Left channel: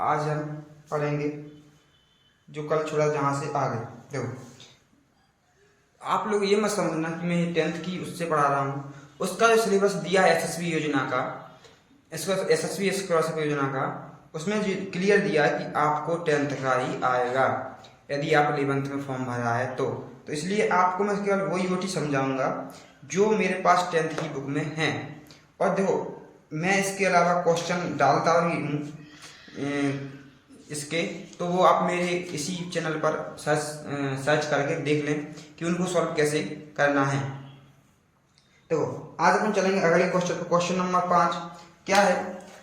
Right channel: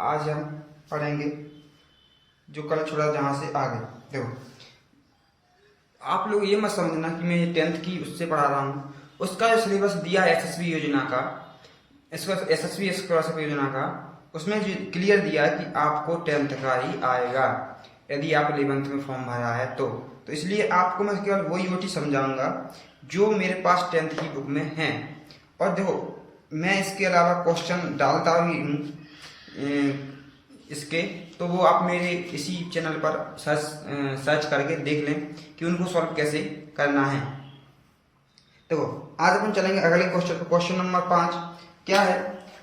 आज हम पढ़ेंगे जो कल छोड़ा जहाँ से आगे। देखो, आप लोग ये मत समझना कि मैं ये 10th की उससे पढ़ा रहा हूँ। उसका जो सिलेबस दिया है एसएसबी योजना का, इसका एसएसबी स्कॉलरशिप योजना का, उसमें क्लियर दिया है कि आपको 10th का ही आएगा यदि आप 11th में फॉर्म भरा है तो इसलिए आपको मैं केवल वो यूटी समझाऊंगा जो मेरे पास 10th की बुक में है। और देखो, मैं इसके अलावा क्वेश्चन डालता ही हूँ इसके, तो वो आप मेरे इसी चैनल पर सर्च करके देख लें कि उनको सॉल्व कैसे करना है। देखो, आज अपन चलेंगे अगले क्वेश्चन पर। क्वेश्चन नंबर 5 क्या है?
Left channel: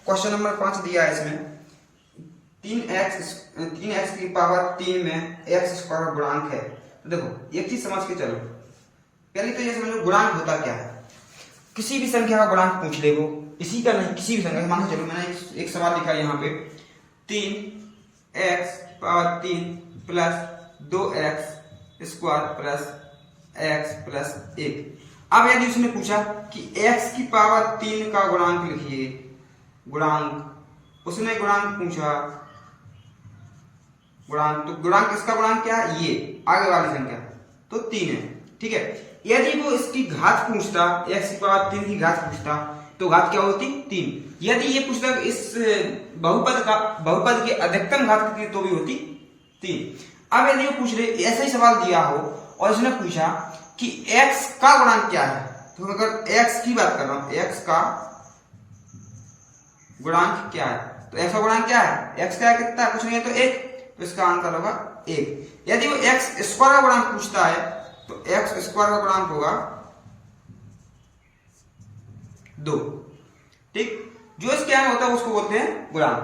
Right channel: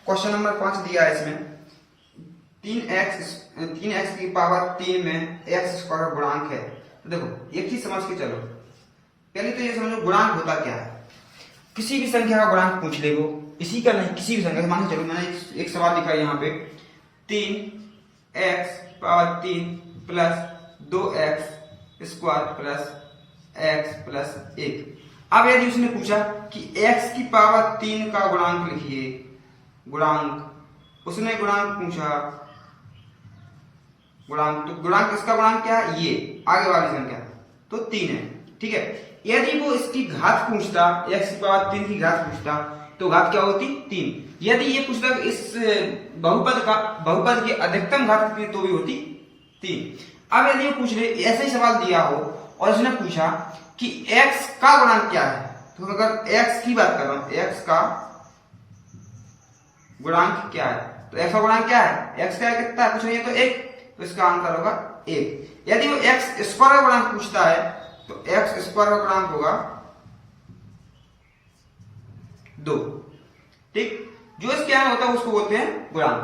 क्वेश्चन नंबर 5 दिया है इसमें 3x की पावर 3 में x स्क्वायर गुणांक है। तो देखो, एक चीज समझ के चलो। पहले तो ये समझो गुणांक होता क्या है। किसी भी संख्या का गुणांक पूछ ले, वो इसी का नहीं, किसी भी संख्या। मान के चलो, मैंने एक सवाल लिखा है यहाँ पे 3x power 3 plus 2x square plus x plus 1। अब यदि उसने पूछा कि x की पावर 3 का गुणांक लिखिए, गुणांक उसने गुणांक पूछा, गुणांक, तो गुणांक, इसका गुणांक क्या है? ये आगे वाली संख्या तो 3 है, ठीक है। यदि वो इसकी घात पूछता, x की पावर 3 की घात पूछता, तो घात क्या होती? 3। यदि ये पूछता इस बहुपद की अधिकतम घात कितनी, तो भी होती 3। अब यदि वो पूछ ले, ऐसा ही सवाल दिया हो और उसने पूछा कि x का गुणांक क्या है, तो अगर x की बात कर रहा हूं, x का गुणांक क्या है, तो x का गुणांक क्या है? x का कितना है? कुछ नहीं है तो 1, तो इसका आंसर होगा 1। यदि वो x स्क्वायर का गुणांक पूछता है, तो x स्क्वायर का गुणांक होगा 2, ठीक। जो इसके यहाँ होता है उसको बोलते हैं गुणांक।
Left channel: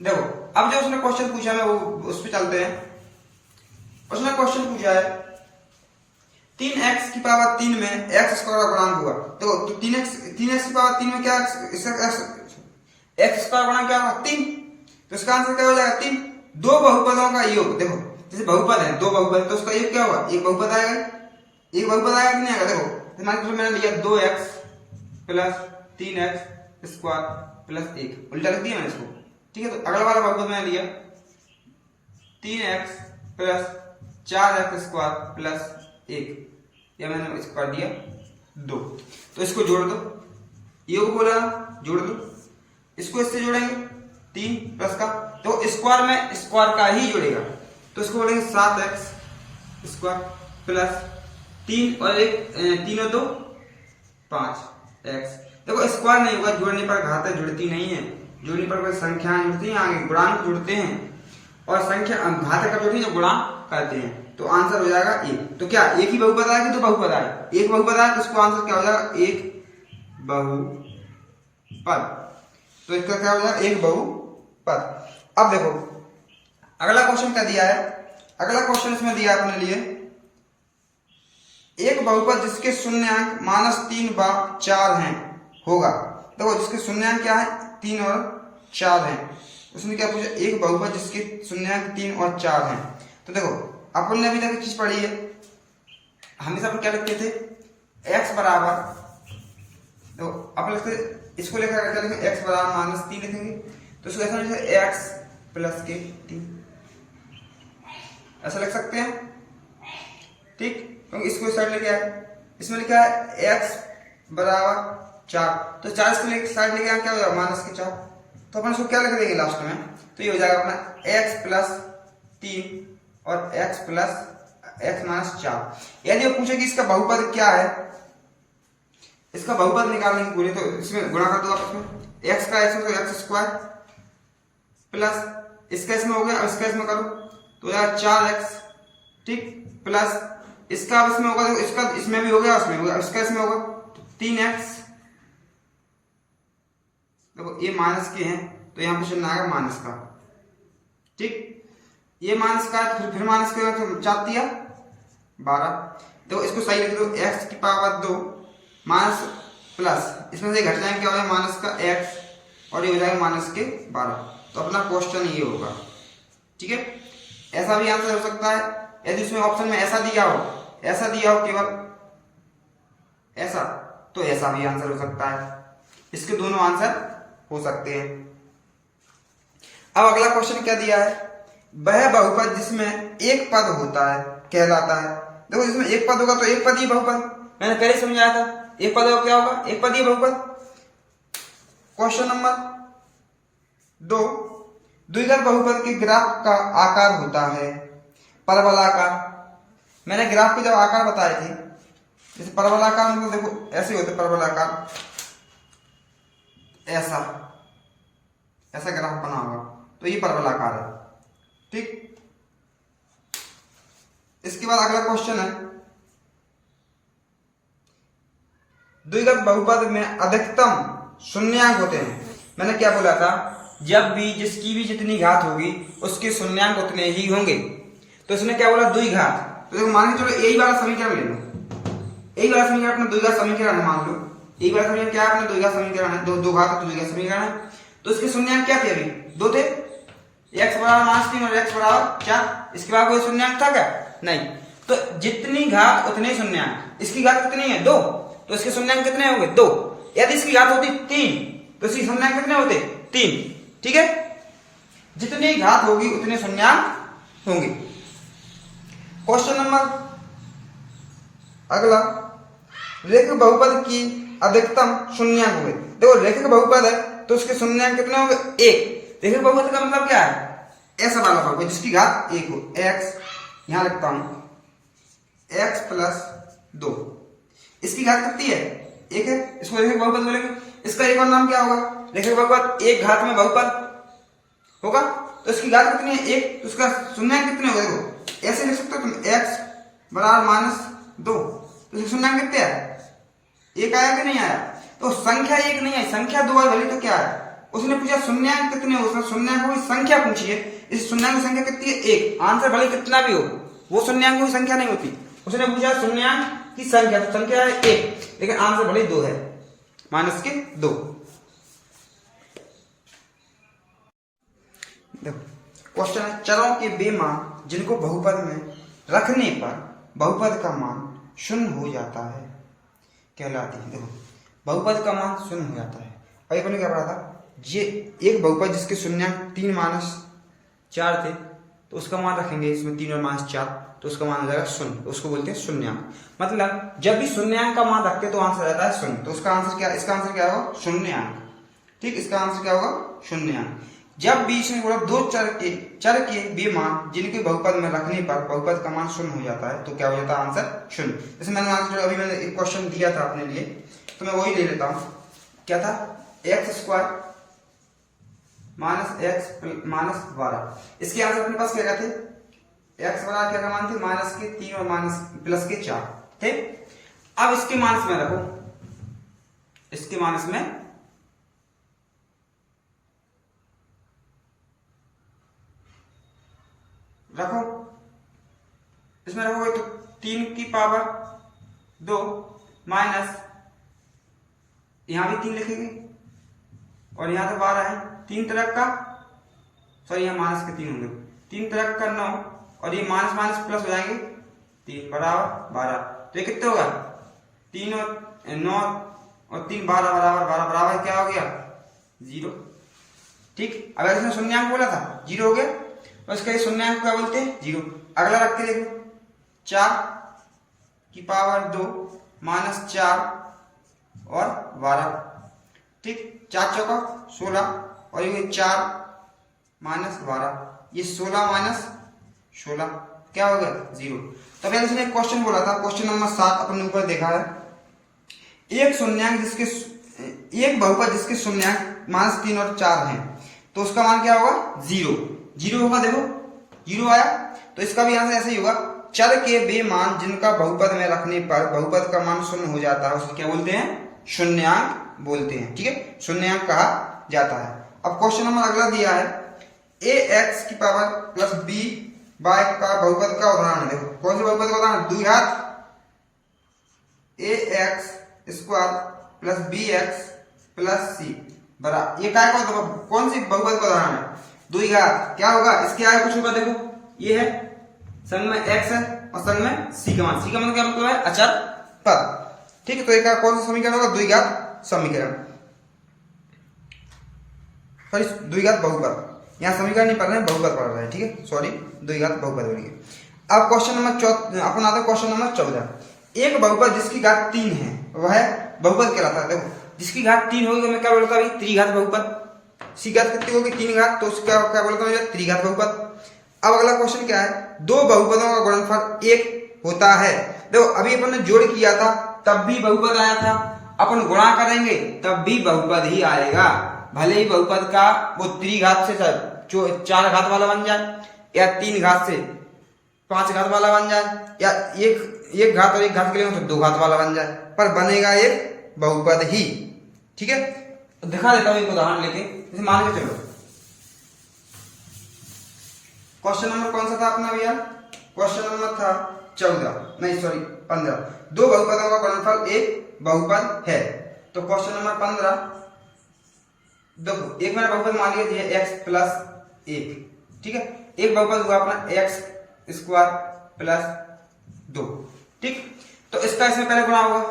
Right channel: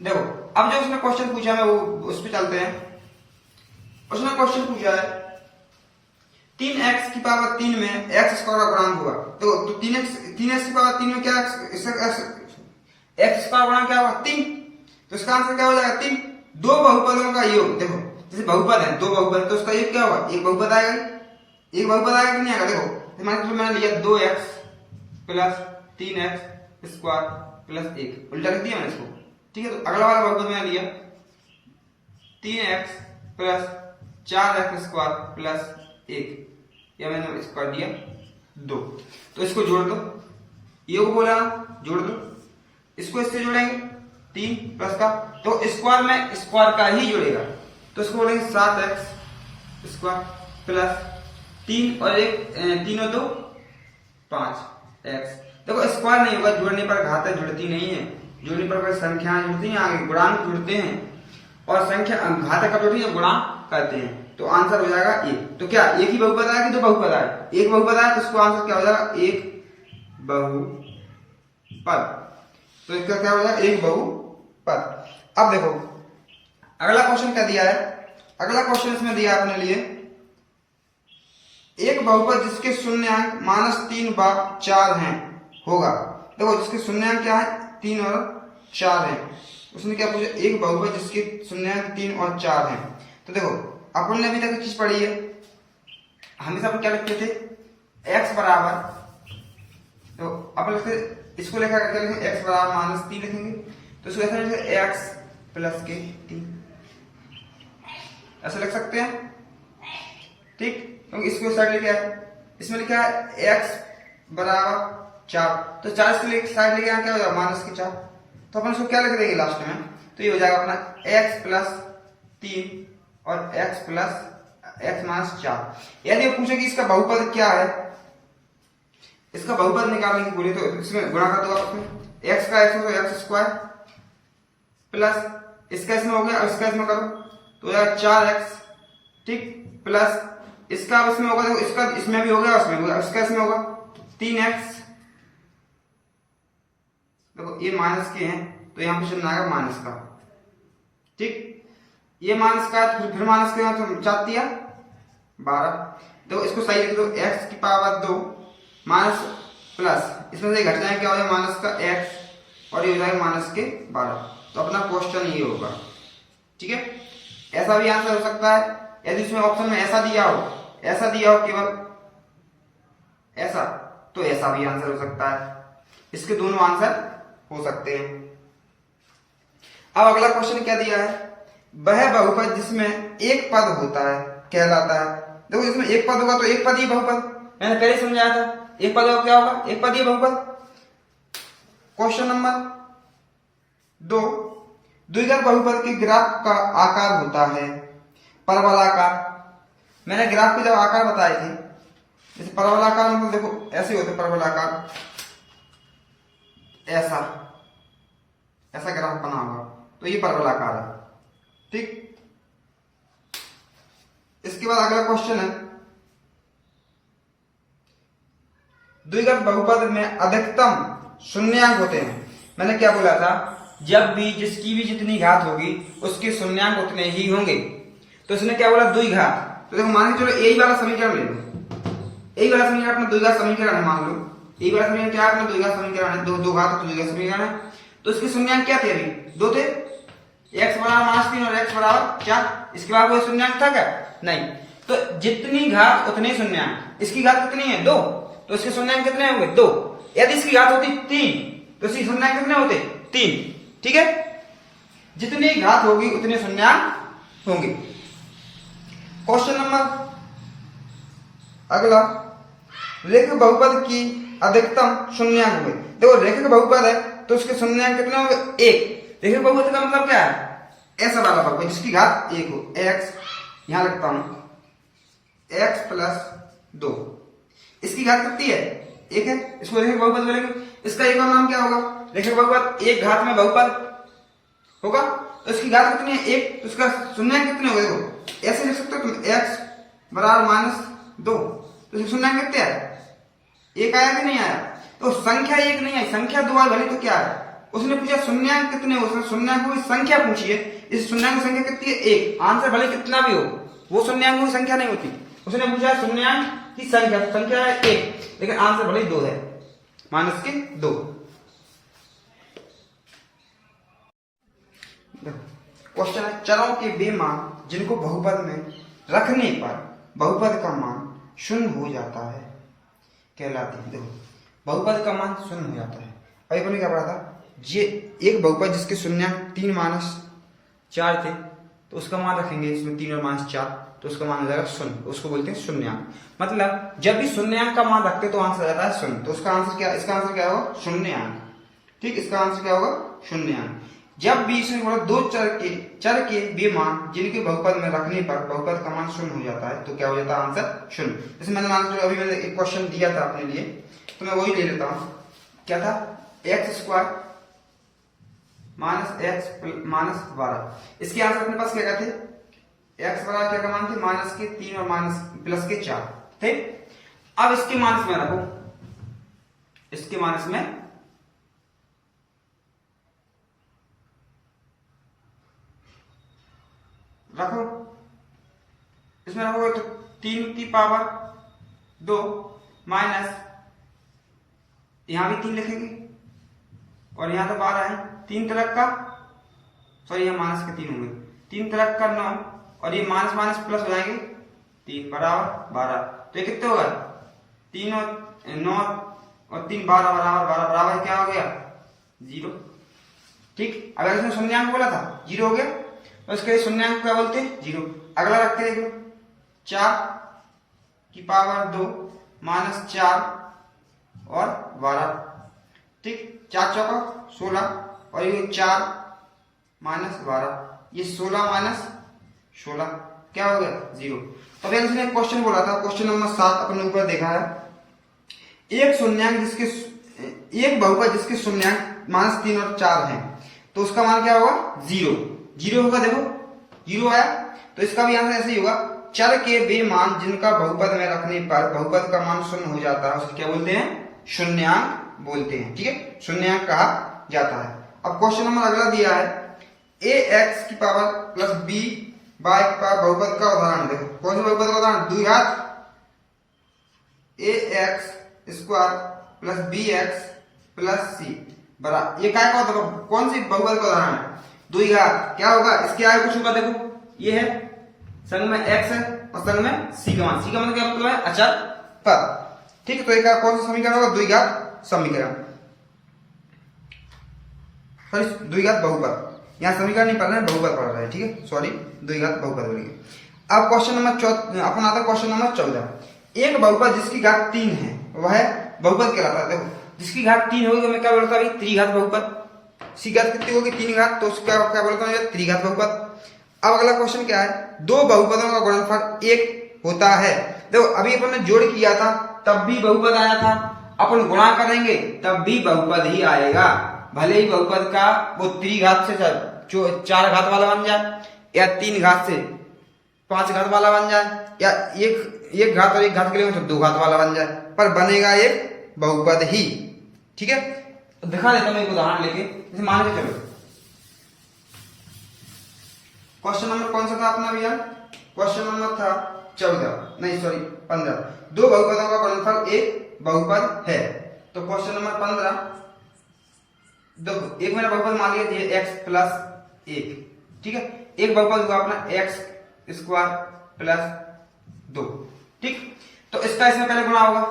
देखो, अब जो उसने क्वेश्चन पूछा, मैं वो उस पर चलते हैं। उसने क्वेश्चन पूछा है 3x की पावर 3 में x स्क्वायर का गुणांक हुआ, तो 3x की पावर 3 में क्या x स्क्वायर गुणांक क्या होगा? 3। तो इसका आंसर क्या हो जाएगा? 3। दो बहुपदों का योग। देखो, जैसे बहुपद है, दो बहुपद, तो उसका योग क्या होगा? एक बहुपद आएगा, एक बहुपद आएगा कि नहीं आएगा? देखो, मान लो मैंने लिया 2x plus 3x square plus 1, उल्टा लिख दिया मैंने इसको, ठीक है। तो अगला वाला बहुपद मैंने लिया 3x plus 4x square plus 1, या मैंने इसको कर दिया 2। तो इसको जोड़ दो, ये वो बोला ना, जोड़ दो। इसको इससे जोड़ेंगे 3 प्लस का, तो स्क्वायर में स्क्वायर का ही जोड़ेगा, तो इसको बोलेंगे 7x स्क्वायर प्लस 3 और 1, 3 और 2 5x। देखो, स्क्वायर नहीं होगा, जोड़ने पर घातें जुड़ती नहीं है, जोड़ने पर कोई संख्याएं जुड़ती हैं, आगे गुणांक जुड़ते हैं, और संख्या घातें कब जुड़ती है? गुणांक करते हैं। तो आंसर हो जाएगा 1। तो क्या एक ही बहुपद आएगा कि दो बहुपद आए? एक बहुपद आया, तो इसको आंसर क्या हो जाएगा? एक बहुपद। तो इसका क्या हो जाएगा? एक बहुपद। अब देखो, अगला क्वेश्चन क्या दिया है? अगला क्वेश्चन इसमें दिया अपने लिए एक बहुपद जिसके शून्यांक -3 व 4 हैं होगा। देखो, जिसके शून्यांक क्या है? 3 और 4 है। उसने क्या पूछा? एक बहुपद जिसके शून्यांक 3 और 4 हैं। तो देखो, अपन ने अभी तक चीज पढ़ी है, हमेशा अपन क्या लिखते थे? x बराबर, तो अपन इसको लेकर क्या लिखेंगे? x बराबर -3 लिखेंगे, तो इसको ऐसा लिखेंगे x प्लस के 3, ऐसा लिख सकते हैं, ठीक। क्योंकि इसको साइड लेके आए, इसमें लिखा है x बराबर 4, तो 4 इसको साइड लेके आए, क्या हो जाएगा? -4। तो अपन इसको क्या लिख देंगे लास्ट में? तो ये हो जाएगा अपना x प्लस 3 और x प्लस x -4। यदि वो पूछे कि इसका बहुपद क्या है, इसका बहुपद निकालने की बोले, तो इसमें गुणा कर दो आप। x का इसमें तो x स्क्वायर प्लस इसका इसमें हो गया, इसका इसमें करो तो हो जाएगा 4x, ठीक, प्लस इसका इसमें होगा, तो इसका इसमें भी हो गया, उसमें होगा, इसका इसमें होगा 3x। देखो, ये माइनस के हैं, तो यहाँ क्वेश्चन आएगा माइनस का, ठीक। ये माइनस का, फिर माइनस के, तो 4 दिया 12। देखो, इसको सही लिख दो, x की पावर 2 माइनस प्लस, इसमें से घट जाए क्या हो जाएगा? माइनस का x, और ये हो जाएगा माइनस के 12। तो अपना क्वेश्चन ये होगा, ठीक है। ऐसा भी आंसर हो सकता है, यदि इसमें ऑप्शन में ऐसा दिया हो केवल ऐसा, तो ऐसा भी आंसर हो सकता है। इसके दोनों आंसर हो सकते हैं। अब अगला क्वेश्चन क्या दिया है, वह बहुपद जिसमें एक पद होता है कहलाता है। देखो इसमें एक पद होगा तो एक पद ही बहुपद, मैंने पहले समझाया था, एक पद होगा क्या होगा, एक पद ही बहुपद। क्वेश्चन नंबर 2, द्विघात बहुपद के ग्राफ का आकार होता है परवलयाकार। मैंने ग्राफ के जब आकार बताए थे, जैसे परवलयाकार मतलब देखो ऐसे होते परवलयाकार, ऐसा ऐसा ग्राफ बना होगा तो ये परवलयाकार है, ठीक। इसके बाद अगला क्वेश्चन है, द्विघात बहुपद में अधिकतम शून्यांक होते हैं। मैंने क्या बोला था, जब भी जिसकी भी जितनी घात होगी उसके शून्यांक उतने ही होंगे। तो इसने क्या बोला, द्विघात। तो देखो मान के चलो यही वाला समीकरण ले लो, यही वाला समीकरण अपना द्विघात समीकरण है, मान लो यही वाला समीकरण क्या है, अपना द्विघात समीकरण है, दो घात तो द्विघात समीकरण है। तो इसके शून्यांक क्या थे, अभी 2 थे, x बराबर -3 और x बराबर 4। इसके बाद कोई शून्यांक था क्या, नहीं। तो जितनी घात उतने शून्यांक, इसकी घात कितनी है 2, तो इसके शून्यांक कितने होंगे 2। यदि इसकी घात होती 3 तो इसके शून्यांक कितने होते 3, ठीक है। जितनी घात होगी उतने शून्यांक होंगे। क्वेश्चन नंबर अगला, रेखिक बहुपद की अधिकतम शून्यांक होंगे। देखो रेखिक बहुपद है तो उसके शून्यांक कितने होंगे 1। रेखिक बहुपद का मतलब क्या है, ऐसा वाला बहुपद जिसकी घात 1 हो। x यहां लिखता हूं x प्लस 2, इसकी घात कितनी है 1 है, इसको रेखिक बहुपद बोलेंगे। इसका एक और नाम क्या होगा, रेखिक बहुपद एक घात में बहुपद होगा। तो इसकी घात कितनी है 1, तो उसका शून्यांक कितने होंगे, देखो ऐसे लिख सकते हो तुम x बराबर -2, तो शून्यांक कितने है 1 आया कि नहीं आया। तो संख्या 1 नहीं है, संख्या 2 आई भली तो क्या है, उसने पूछा शून्यांक कितने हो, उसने शून्यांक की संख्या पूछी है। इस शून्यांक की संख्या कितनी है 1, आंसर भले कितना भी हो वो शून्यांक की संख्या नहीं होती। उसने पूछा शून्यांक की संख्या, तो संख्या है 1 लेकिन आंसर भले 2 है, -2। देखो क्वेश्चन है, चरों के वे मान जिनको बहुपद में रखने पर बहुपद का मान शून्य हो जाता है कहलाते हैं। देखो बहुपद का मान शून्य हो जाता है। अभी अपने क्या पढ़ा था, ये एक बहुपद जिसके शून्यांक 3 - 4 थे तो उसका मान रखेंगे इसमें 3 और -4, तो उसका मान हो जाएगा 0, उसको बोलते हैं शून्यांक। मतलब जब भी शून्यांक का मान रखते तो आंसर आता है 0, तो उसका आंसर क्या, इसका आंसर क्या होगा शून्यांक, ठीक। इसका आंसर क्या होगा शून्यांक। जब बीच में बोला दो चर के वे मान जिनके बहुपद में रखने पर बहुपद का मान शून्य हो जाता है तो क्या हो जाता है आंसर 0। जैसे मैंने आंसर अभी मैंने एक क्वेश्चन दिया था अपने लिए, तो मैं वही ले लेता हूं, क्या था x² -x -12। इसके आंसर अपने पास क्या थे, x बराबर क्या मान थे -3 और +4 थे। अब इसके मान में रखो, इसके मान में रखो, इसमें रखोगे तो 3 की पावर 2 माइनस, यहां भी 3 लिखेंगे और यहां तो 12 है, 3 तरफ का, सॉरी यहां माइनस के 3 होंगे, 3 तरफ का 9 और ये माइनस माइनस प्लस हो जाएंगे 3 बराबर 12। तो ये कितने होगा 3 और 9 और 3 12 बराबर 12 बराबर क्या हो गया 0, ठीक। अगर इसमें शून्यांक बोला था 0 हो गया, तो इसका ये शून्यांक क्या बोलते हैं 0। अगला रखते हैं 4 की पावर 2 -4 और 12, ठीक। 4 चौका 16 और ये 4 -12, ये 16 - 16 क्या हो गया 0। तब इसने एक क्वेश्चन बोला था, क्वेश्चन नंबर 7 अपने ऊपर देखा है, एक शून्यांक जिसके एक बहुपद जिसके शून्यांक -3 और 4 हैं तो उसका मान क्या होगा 0 होगा। देखो 0 आया, तो इसका भी आंसर ऐसे ही होगा, चर के वे मान जिनका बहुपद में रखने पर बहुपद का मान शून्य हो जाता है उसे क्या बोलते हैं शून्यांक बोलते हैं, ठीक है, शून्यांक कहा जाता है। अब क्वेश्चन नंबर अगला दिया है, ax की पावर प्लस b y का बहुपद का उदाहरण। देखो कौन से बहुपद का उदाहरण, द्विघात ax² plus bx plus c बराबर, ये क्या कौन सी बहुपद का उदाहरण है, द्विघात। क्या होगा इसके आगे कुछ होगा, देखो ये है संग में x है और संग में c का मान, क्या मतलब है अचर पद, ठीक है। तो एक कौन सा समीकरण होगा, द्विघात समीकरण, सॉरी द्विघात बहुपद। यहाँ समीकरण नहीं पढ़ रहे हैं, बहुपद पढ़ रहे हैं, ठीक है, सॉरी, 2 घात बहुपद हो गई। अब क्वेश्चन नंबर अपन आता है क्वेश्चन नंबर 14। एक बहुपद जिसकी घात 3 है वह बहुपद कहलाता है। देखो जिसकी घात 3 होगी तो मैं क्या बोलता भाई, त्रिघात बहुपद। सी घात कितनी होगी, 3 घात, तो उसका क्या बोलता हूँ, त्रिघात बहुपद। अब अगला क्वेश्चन क्या है, दो बहुपदों का गुणनफल 1 होता है। देखो अभी अपन ने जोड़ किया था तब भी बहुपद आया था, अपन गुणा करेंगे तब भी बहुपद ही आएगा, भले ही बहुपद का वो त्रिघात से 4 घात वाला बन जाए या 3 घात से 5 घात वाला बन जाए या एक घात और एक घात के लिए तो 2 घात वाला बन जाए, पर बनेगा एक बहुपद ही, ठीक है। तो दिखा देता हूं एक उदाहरण लेके, जैसे मान के चलो क्वेश्चन नंबर कौन सा था अपना भैया, क्वेश्चन नंबर था 14, नहीं सॉरी 15। दो बहुपदों का गुणनफल एक बहुपद है। तो क्वेश्चन नंबर 15, देखो एक मैंने बहुपद मान लिया x प्लस 1, ठीक है, एक बहुपद हुआ अपना x स्क्वायर प्लस 2, ठीक। तो इसका इसमें पहले गुणा होगा,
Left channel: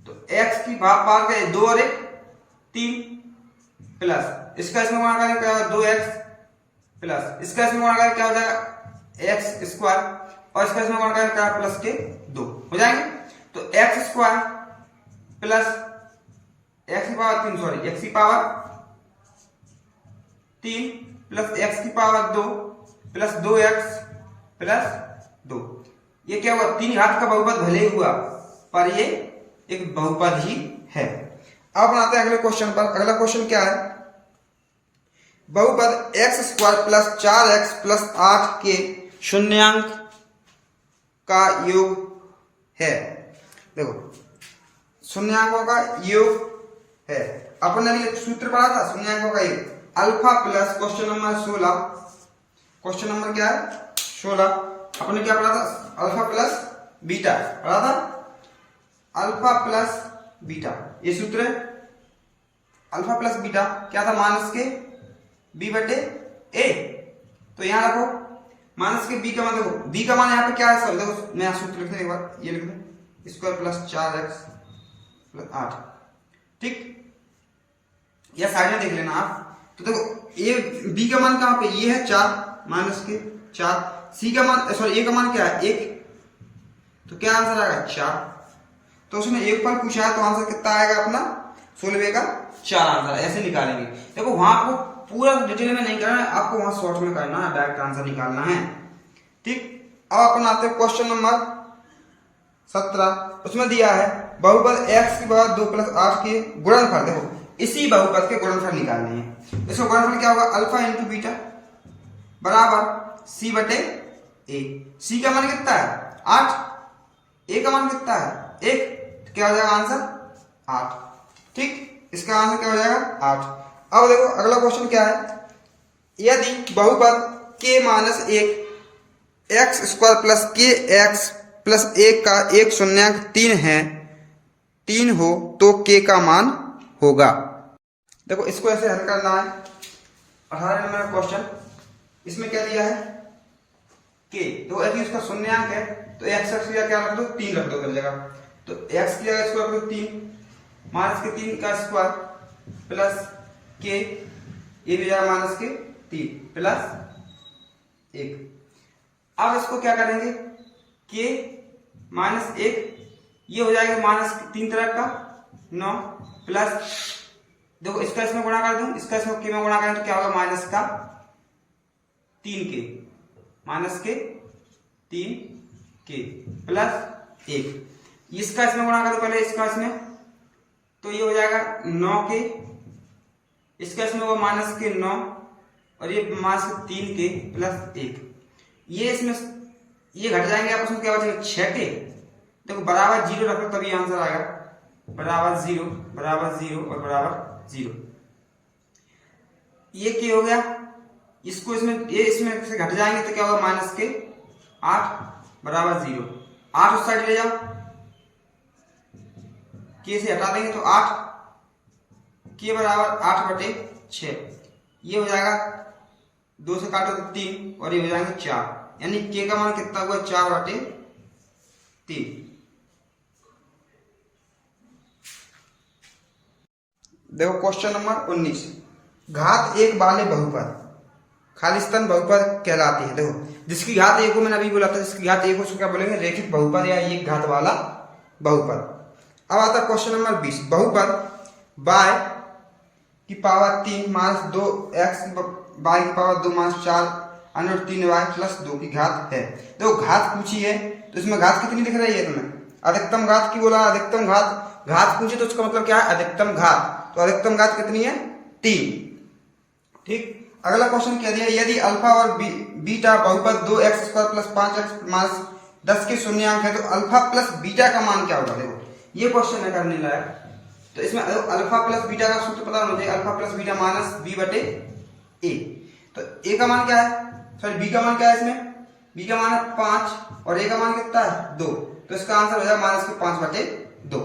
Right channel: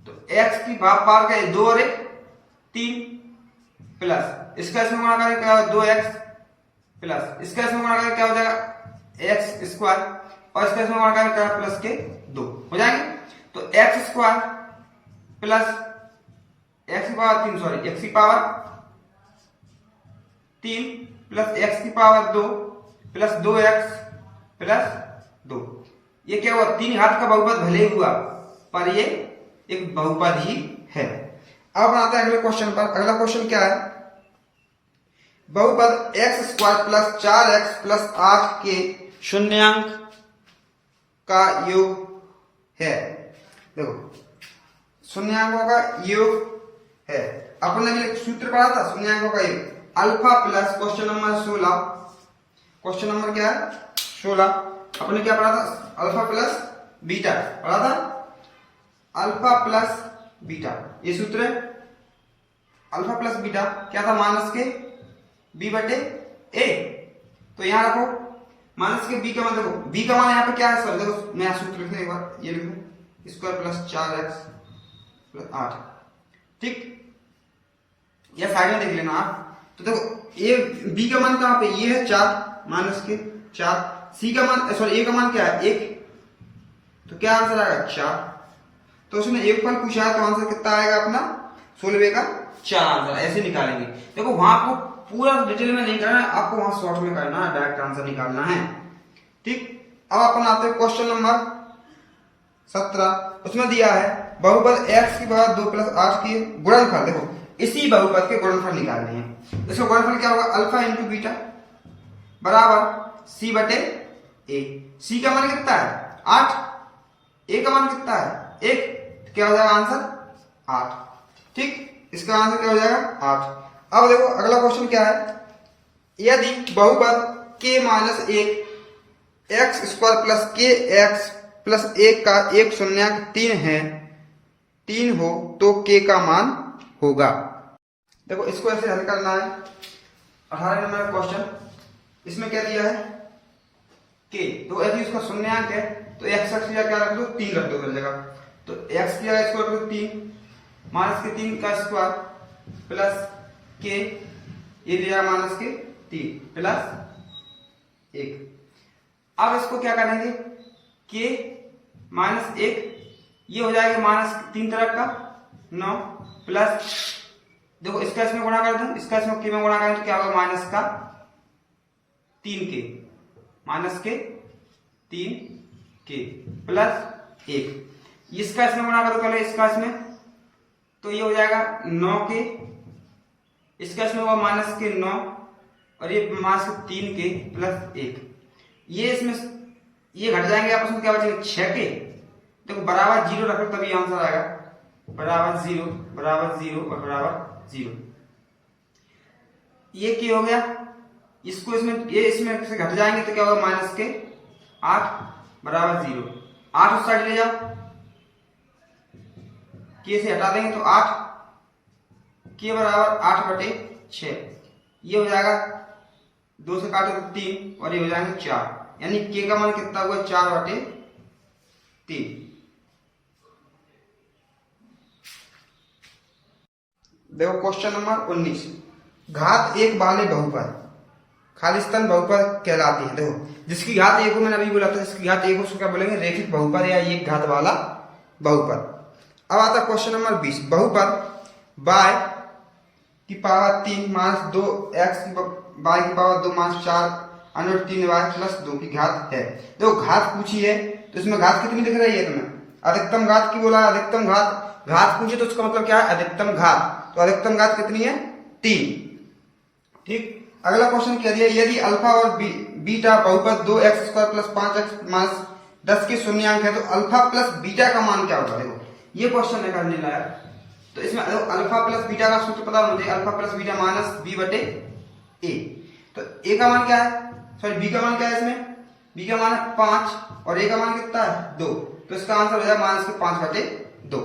तो x की पावर क्या है, 2 और 1 3, प्लस इसका इसमें गुणा करें क्या होगा, 2x प्लस इसका इसमें गुणा करें क्या हो जाएगा, x स्क्वायर, और इसका इसमें गुणा करें क्या, प्लस के 2 हो जाएंगे। तो x स्क्वायर प्लस x की पावर 3, सॉरी x की पावर 3 प्लस x की पावर 2 प्लस 2x प्लस 2, ये क्या हुआ, 3 घात का बहुपद भले ही हुआ पर ये एक बहुपद ही है। अब बनाते हैं अगले क्वेश्चन पर। अगला क्वेश्चन क्या है, बहुपद x square plus 4x plus 8 के शून्यांक का योग है। देखो शून्यांकों का योग है, अपन ने सूत्र पढ़ा था शून्यांकों का योग, alpha plus question number 16, question number क्या है 16, अपन ने क्या पढ़ा था, अल्फा प्लस बीटा पढ़ा था, अल्फा प्लस बीटा, ये सूत्र है। अल्फा प्लस बीटा क्या था, माइनस के b बटे a। तो यहां रखो माइनस के b का मान, देखो b का मान यहाँ पे क्या है, सर देखो मैं सूत्र लिखने एक बार, ये लिख दो, स्क्वायर प्लस 4x प्लस 8, ठीक, या साइड में देख लेना आप। तो देखो ये b का मान कहां पे, ये है 4 माइनस के 4, c का मान सॉरी a का मान क्या है 1, तो क्या आंसर आएगा 4। तो उसने एक पॉइंट पूछा है तो आंसर कितना आएगा अपना 16 का 4 आंसर ऐसे निकालेंगे। देखो वहां आपको पूरा डिटेल में नहीं करना है, आपको वहां शॉर्ट में करना है, डायरेक्ट आंसर निकालना है, ठीक। अब अपन आते हैं क्वेश्चन नंबर 17, उसमें दिया है बहुपद x की पावर 2 प्लस 8 के गुणनफल। देखो इसी बहुपद के गुणनफल निकालने हैं, इसका गुणनफल क्या होगा, अल्फा इंटू बीटा बराबर c बटे a। c का मान कितना है 8, a का मान कितना है 1, क्या हो जाएगा आंसर 8, ठीक, इसका आंसर क्या हो जाएगा 8। अब देखो अगला क्वेश्चन क्या है, यदि बहुपद k minus 1 x square plus k x plus 1 का एक शून्यांक 3 हो तो k का मान होगा। देखो इसको ऐसे हल करना है, 18 नंबर क्वेश्चन, इसमें क्या दिया है k, तो यदि उसका शून्यांक है तो x की जगह क्या रख दो, 3 रख दो कर जगह, तो x की जगह स्क्वायर करो 3 माइनस के 3 का स्क्वायर प्लस के, ये भी जाएगा माइनस के 3 प्लस 1। अब इसको क्या करेंगे, के माइनस 1, ये हो जाएगा माइनस 3 तरफ का 9 प्लस, देखो इसका इसमें गुणा कर दूं, इसका इसमें के में गुणा करें तो क्या होगा माइनस का 3 के, माइनस के 3 के प्लस 1, इसका इसमें गुणा करो पहले, इसका इसमें, तो ये हो जाएगा 9 के, इसका इसमें वो माइनस के 9 और ये माइनस 3 के प्लस 1, ये इसमें ये घट जाएंगे आपस में, क्या बचेगा 6 के। देखो बराबर 0 रखो तभी आंसर आएगा, बराबर 0 और बराबर 0, ये क्या हो गया, इसको इसमें ये इसमें से घट जाएंगे तो क्या होगा माइनस के 8 बराबर 0, 8 उस साइड ले जाओ, के से हटा देंगे तो 8, के बराबर 8 बटे 6, ये हो जाएगा 2 से काटो तो 3 और ये हो जाएंगे 4, यानी के का मान कितना हुआ 4 बटे 3। देखो क्वेश्चन नंबर 19, घात 1 वाले बहुपद खालिस्तान बहुपद कहलाती है। देखो जिसकी घात एक हो, मैंने अभी बोला था जिसकी घात एक हो उसको क्या बोलेंगे, रेखिक बहुपद या एक घात वाला बहुपद। अब आता है क्वेश्चन नंबर 20, बहुपद y की पावर 3 माइनस 2x y की power 2 minus 4 under 3y plus 2 की घात है। देखो घात पूछी है तो इसमें घात कितनी दिख रही है तुम्हें, अधिकतम घात की बोला, अधिकतम घात, घात पूछी तो उसका मतलब क्या है, अधिकतम घात। तो अधिकतम घात कितनी है, 3। ठीक, अगला क्वेश्चन कह दिया यदि अल्फा और बीटा बहुपद 2x square plus 5x minus 10 के शून्यांक है तो अल्फा प्लस बीटा का मान क्या होगा। देखो ये क्वेश्चन है करने लायक। तो इसमें अल्फा प्लस बीटा का सूत्र पता होना चाहिए, alpha plus beta minus B बटे ए। तो ए का मान क्या है, सॉरी बी का मान क्या है, इसमें बी का मान है 5 और ए का मान कितना है 2, तो इसका आंसर हो जाएगा माइनस के 5 बटे 2।